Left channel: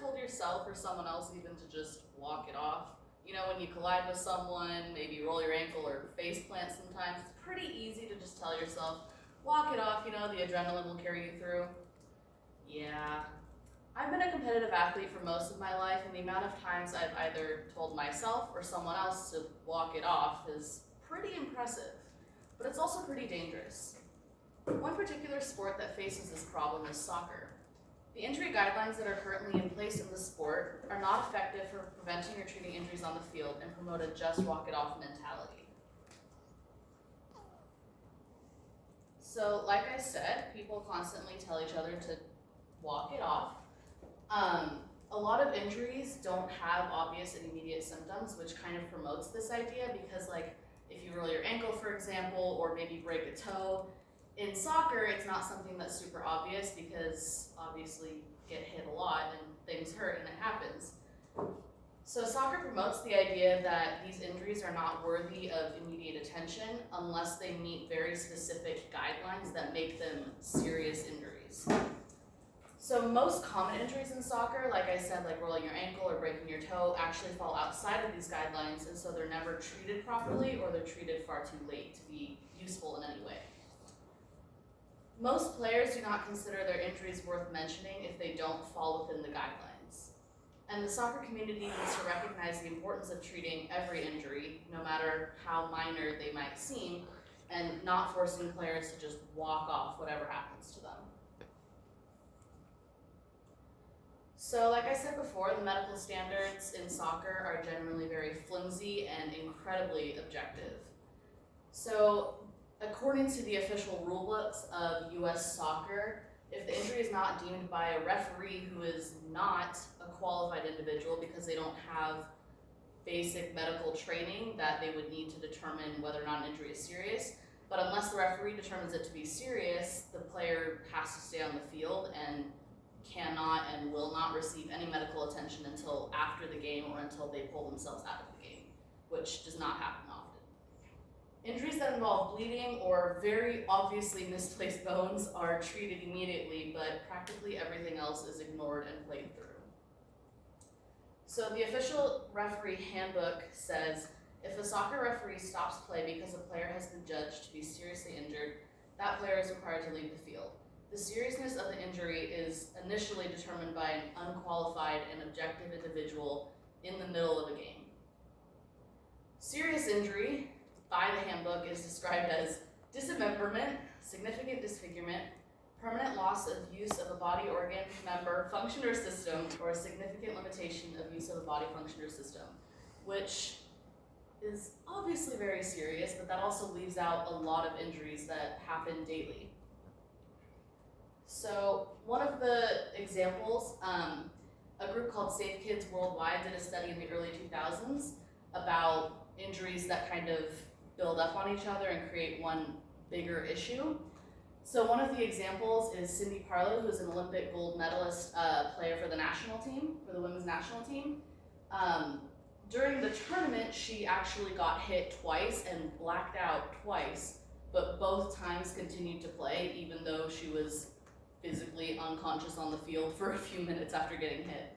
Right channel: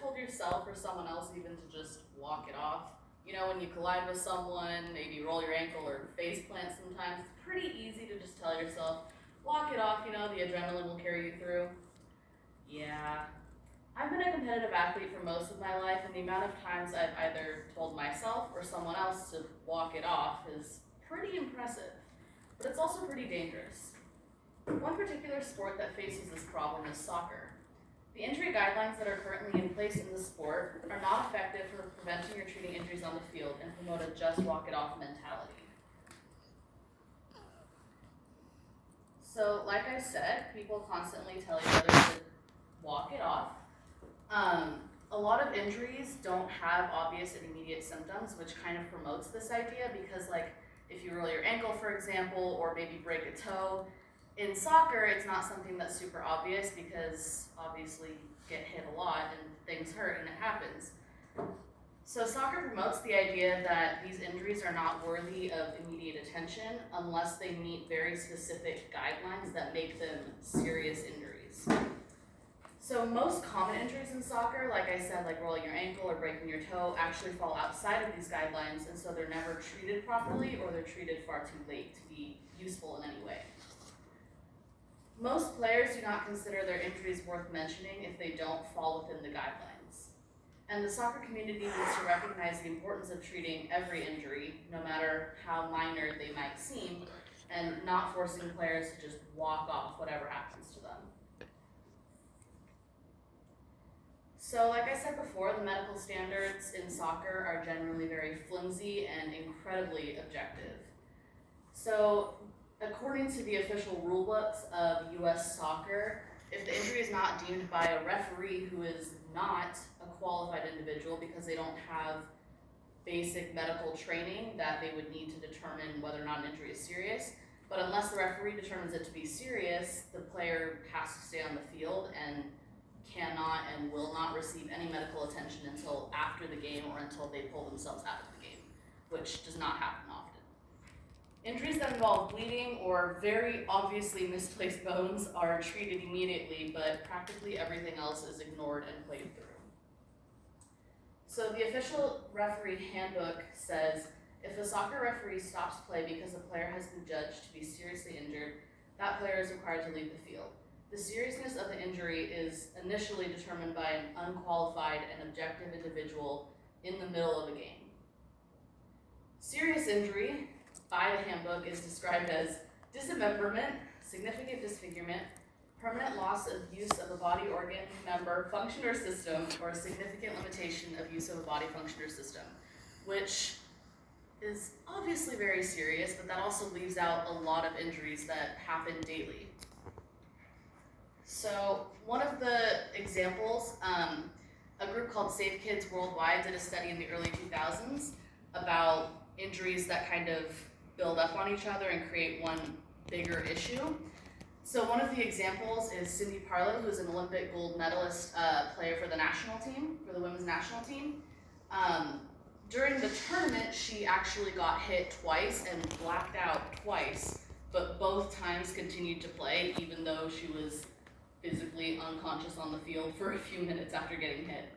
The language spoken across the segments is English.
told yourself or someone else even to just walk it off? You know, when you collide with someone, maybe roll your ankle or face plant sometimes, it's pretty easy to just tell yourself, walk it off, you know, the adrenaline will carry you through. Yeah, I've been a competitive athlete for most of my life, and the amount of times I've either told myself or someone else to walk it off is pretty impressive, but it's also pretty dangerous. One particular sport that faces this problem is soccer. The injury guidelines that are currently in place in the sport are not effective for preventing or treating injuries on the field and promote a just walk it off mentality. So, like I said, people constantly tell each other to walk it off. A lot of injuries don't have obvious and immediate symptoms, which kind of promotes this idea because, like, if you roll your ankle, for example, or maybe break a toe, in soccer, it's not something that's super obvious because obviously you get hit a lot and things hurt and it happens. So soccer promotes the idea that these injuries are not worthy of immediate attention unless they meet very specific guidelines that make them serious injuries. So most common injuries in soccer, like I said, like rolling your ankle or breaking your toe, actually fall outside of these guidelines, and so they're never treated properly or they're treated far too late to be useful in any way. Most players do not consider their injuries worth mentioning if they don't fall within the guidelines. And the soccer community needs to recognize the importance of treating every injury, no matter how minor they might seem, and not forcing players to just walk off whatever happens to them. So like I said before, the medical standards in soccer are generally very flimsy and incredibly objective. So according to the official rule books of US soccer, if the injury is not deemed by a referee who is not a qualified individual because they don't have basic medical training that they would need to determine whether or not an injury is serious, but unless the referee determines it to be serious, the player has to stay on the field and cannot and will not receive any medical attention until after the game or until they pull themselves out of the game, which does not happen often. Injuries that involve bleeding or very obviously misplaced bones are treated immediately, but practically everything else is ignored and played through. So the official referee handbook says, if a soccer referee stops play because a player has been judged to be seriously injured, that player is required to leave the field. The seriousness of the injury is initially determined by an unqualified and objective individual in the middle of a game. Serious injury by the handbook is described as dismemberment, significant disfigurement, permanent loss of use of a body organ, member, function, or system, or a significant limitation of use of a body function or system, which is obviously very serious, but that also leaves out a lot of injuries that happen daily. So one of the examples, a group called Safe Kids Worldwide did a study in the early 2000s about injuries that kind of build up on each other and create one bigger issue. So one of the examples is Cindy Parlow, who's an Olympic gold medalist player for the national team, for the women's national team. During the tournament, she actually got hit twice and blacked out twice, but both times continued to play, even though she was physically unconscious on the field for a few minutes after getting hit.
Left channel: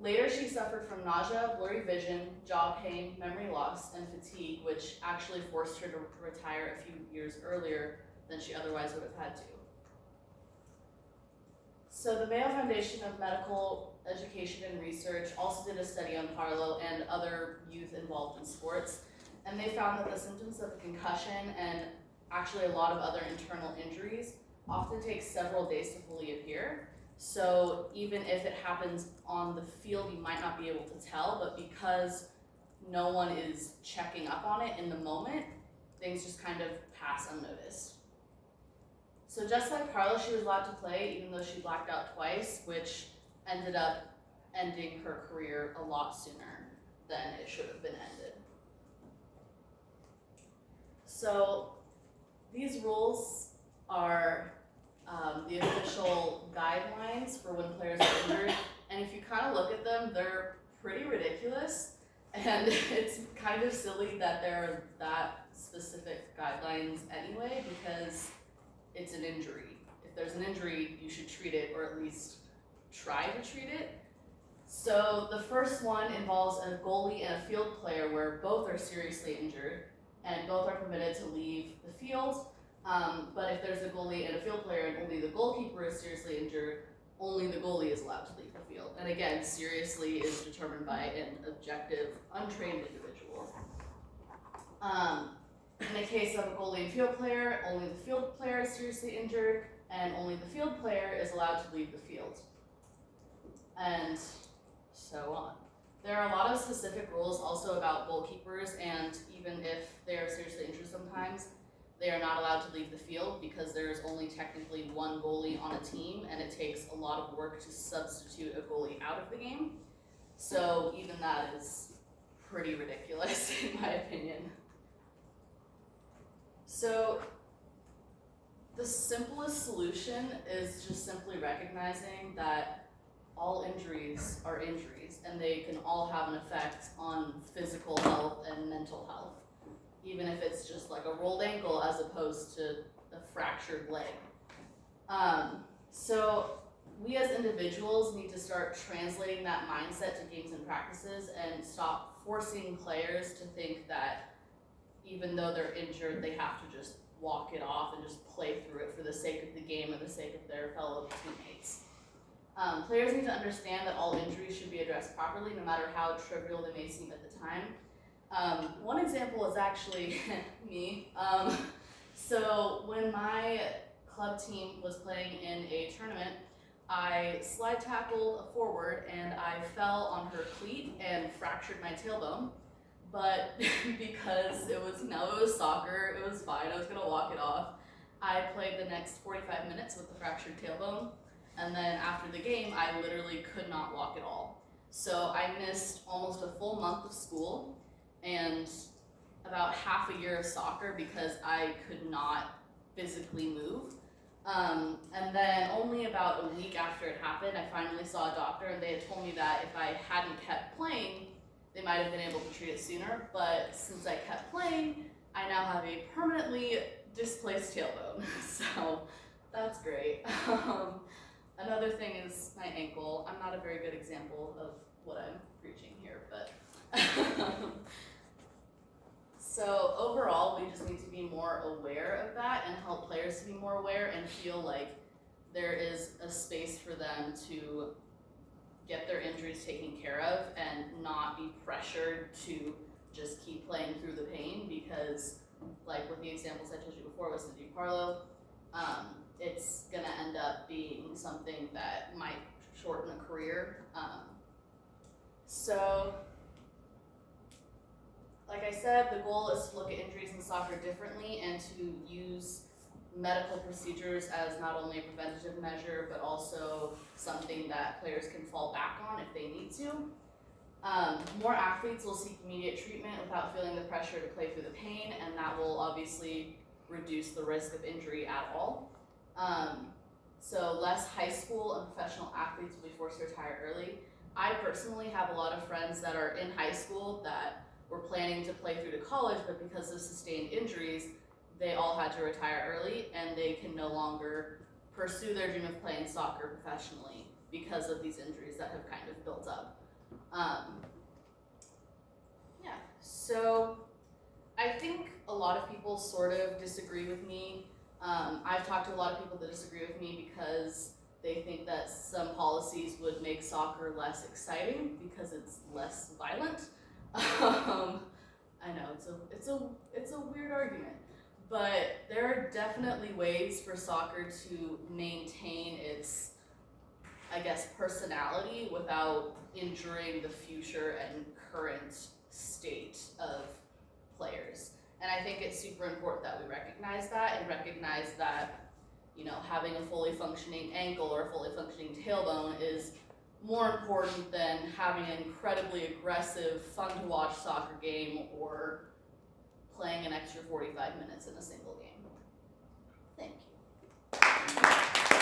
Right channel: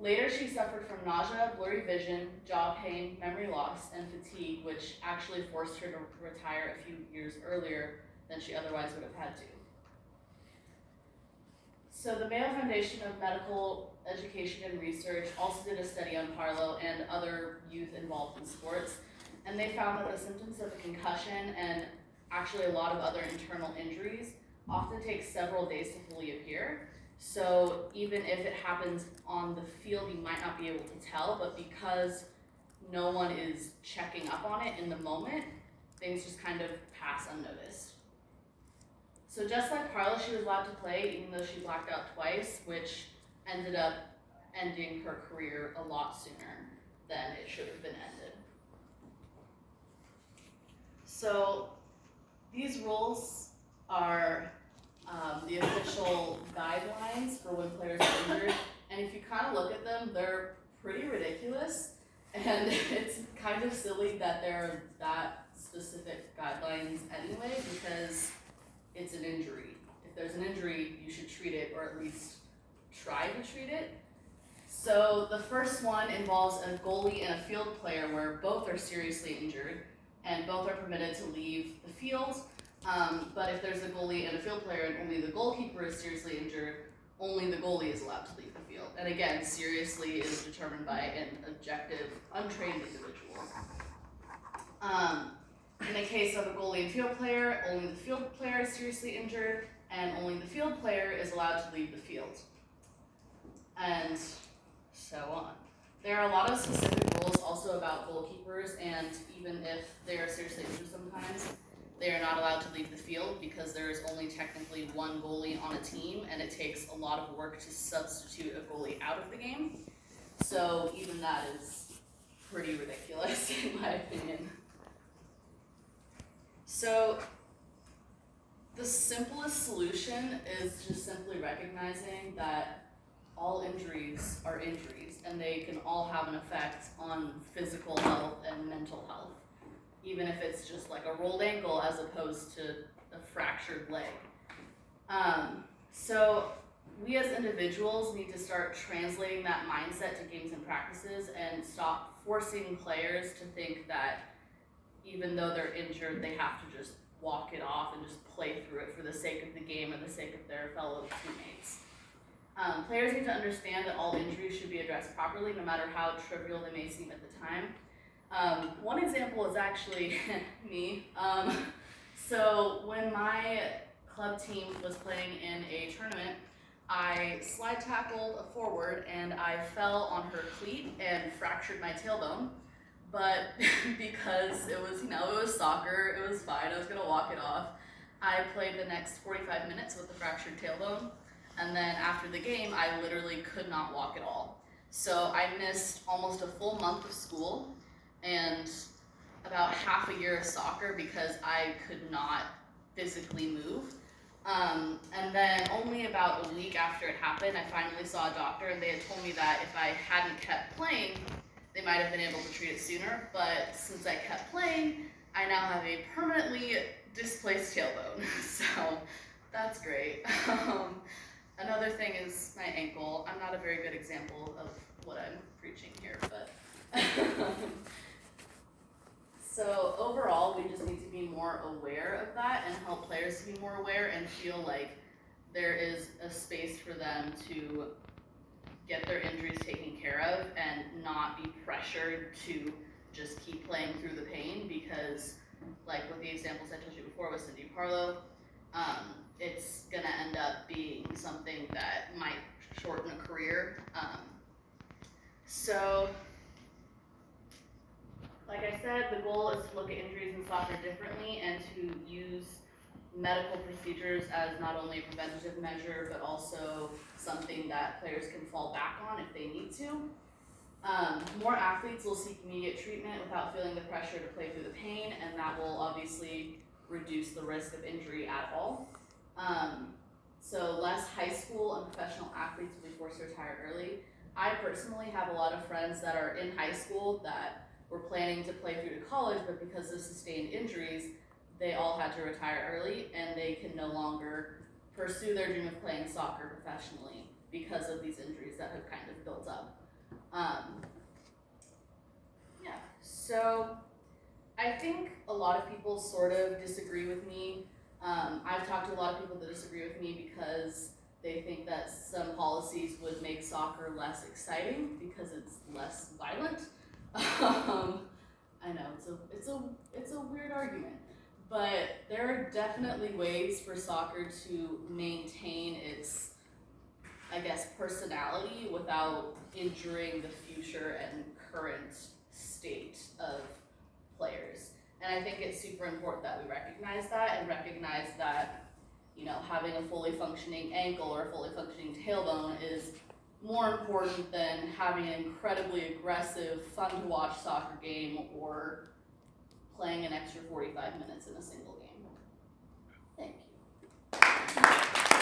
Later, she suffered from nausea, blurry vision, jaw pain, memory loss, and fatigue, which actually forced her to retire a few years earlier than she otherwise would have had to. So the Mayo Foundation of Medical Education and Research also did a study on Parlow and other youth involved in sports, and they found that the symptoms of concussion and actually a lot of other internal injuries often take several days to fully appear. So even if it happens on the field, you might not be able to tell, but because no one is checking up on it in the moment, things just kind of pass unnoticed. So just like Parlow, she was allowed to play even though she blacked out twice, which ended up ending her career a lot sooner than it should have been ended. So these rules are the official guidelines for when players are injured, and if you kind of look at them, they're pretty ridiculous, and it's kind of silly that there are that specific guidelines anyway, because it's an injury. If there's an injury, you should treat it, or at least try to treat it. So the first one involves a goalie and a field player where both are seriously injured and both are permitted to leave the field. But if there's a goalie and a field player and only the goalkeeper is seriously injured, only the goalie is allowed to leave the field. And again, seriously is determined by an objective, untrained individual. In the case of a goalie and field player, only the field player is seriously injured, and only the field player is allowed to leave the field. And so on. There are a lot of specific rules also about goalkeepers, and even if they are seriously injured sometimes, they are not allowed to leave the field because there is only technically one goalie on a team, and it takes a lot of work to substitute a goalie out of the game. So even that is pretty ridiculous in my opinion. So the simplest solution is just simply recognizing that all injuries are injuries, and they can all have an effect on physical health and mental health, even if it's just like a rolled ankle as opposed to a fractured leg. So we as individuals need to start translating that mindset to games and practices and stop forcing players to think that even though they're injured, they have to just walk it off and just play through it for the sake of the game and the sake of their fellow teammates. Players need to understand that all injuries should be addressed properly, no matter how trivial they may seem at the time. One example is actually me. So when my club team was playing in a tournament, I slide tackled a forward and I fell on her cleat and fractured my tailbone. But because it was soccer, it was fine, I was gonna walk it off. I played the next 45 minutes with the fractured tailbone, and then after the game, I literally could not walk at all. So I missed almost a full month of school and about half a year of soccer because I could not physically move. And then only about a week after it happened, I finally saw a doctor, and they had told me that if I hadn't kept playing, they might have been able to treat it sooner, but since I kept playing, I now have a permanently displaced tailbone, so that's great. Another thing is my ankle. I'm not a very good example of what I'm preaching here, but so overall, we just need to be more aware of that and help players to be more aware and feel like there is a space for them to get their injuries taken care of and not be pressured to just keep playing through the pain, because like with the examples I told you before with Cindy Parlow, it's gonna end up being something that might shorten a career. So like I said, the goal is to look at injuries in soccer differently and to use medical procedures as not only a preventative measure, but also something that players can fall back on if they need to. More athletes will seek immediate treatment without feeling the pressure to play through the pain, and that will obviously reduce the risk of injury at all. So less high school and professional athletes will be forced to retire early. I personally have a lot of friends that are in high school that were planning to play through to college, but because of sustained injuries, they all had to retire early, and they can no longer pursue their dream of playing soccer professionally because of these injuries that have kind of built up. So I think a lot of people sort of disagree with me. I've talked to a lot of people that disagree with me because they think that some policies would make soccer less exciting because it's less violent. I know, it's a weird argument. But there are definitely ways for soccer to maintain its, I guess, personality without injuring the future and current state of players. And I think it's super important that we recognize that and recognize that, having a fully functioning ankle or a fully functioning tailbone is more important than having an incredibly aggressive, fun to watch soccer game or playing an extra 45 minutes in a single game. Thank you.